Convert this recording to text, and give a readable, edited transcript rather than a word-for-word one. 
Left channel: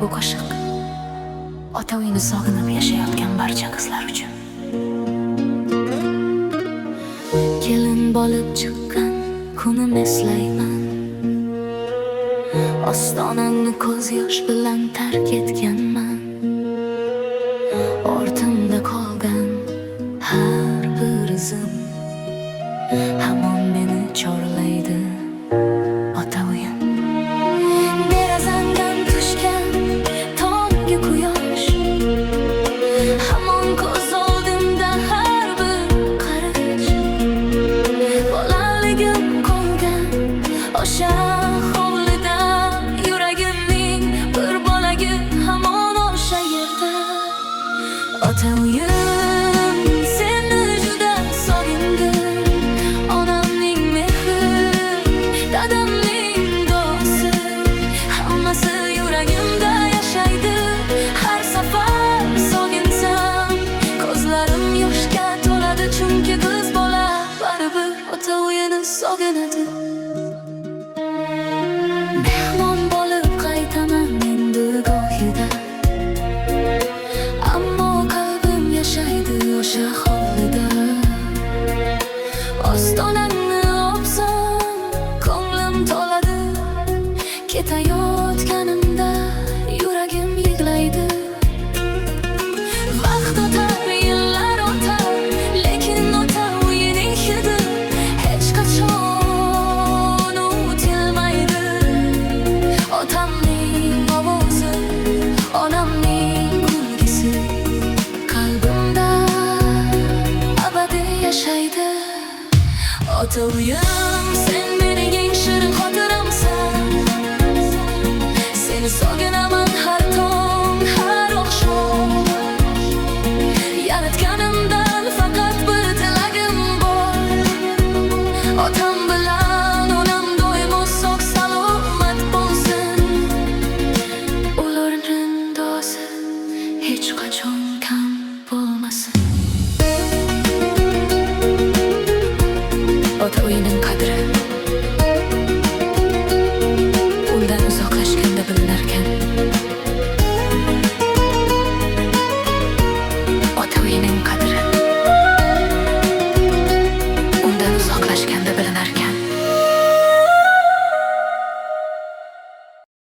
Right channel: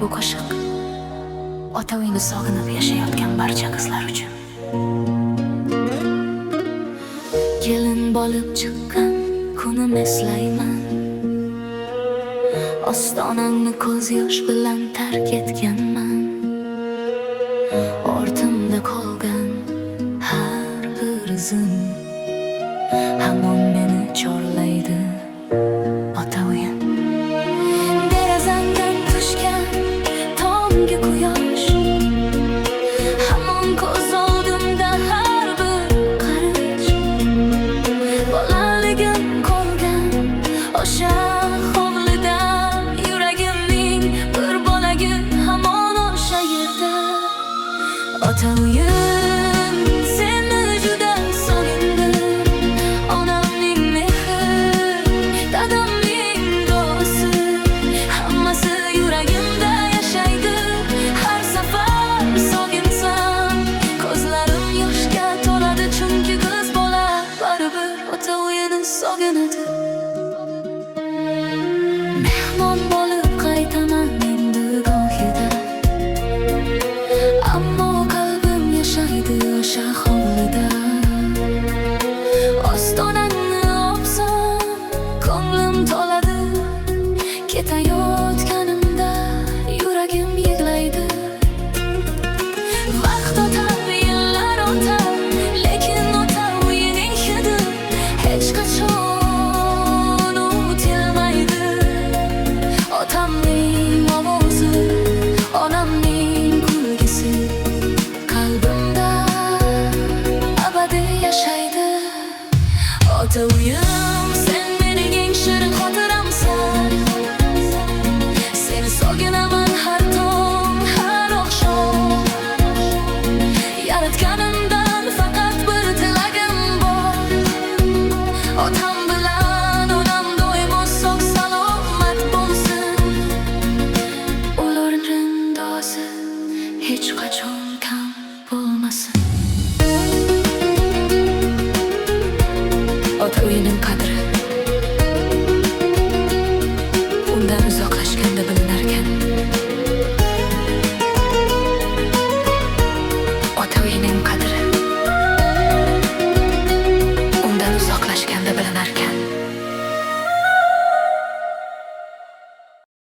Bu qo'shiq ota uyini sog'inib yashayotgan barcha qizlar uchun. Kelin bo'lib chiqqan kunim eslayman. Ostonangni ko'z yosh bilan tark etganman. Ortimda qolgan har bir izim hamon meni chorlaydi ota uyim. Derazamdan tushgan tonggi quyosh hamon ko'z oldimda har bir qarich. Bolaligim qolgan o'sha hovlida, yuragimning bir bolagi hamon o'sha yerda. Ota uyim, seni juda sog'indim. Onamning mehri, dadamning duosi, hammasi yuragimda yashaydi. Har safar sog'insam ko'zlarim yoshga to'ladi, chunki qiz bola baribir ota uyini sog'inadi. Mehmon bo'lib qaytaman endi gohida, ammo qalbim yashaydi o'sha hovlida. Ostonangni opsam ko'nglim to'ladi, ketayotganimda yuragim yig'laydi. Vaqt o'tar, yillar o'tar, lekin ota uyining hidi hech qachon unutilmaydi. Otamning ovozi, onamning kulgisi qalbimda abadiy yashaydi. Ota uyim, sen mening eng shirin xotiramsan. Seni sog'inaman har tong, har oqshom. Yaratganimdan faqat bir tilagim bor. Otam bilan onam doimo sog' salomat bo'lsin. Ularning duosi hech qachon kam bo'lmasin. Ota uyining qadri undan uzoq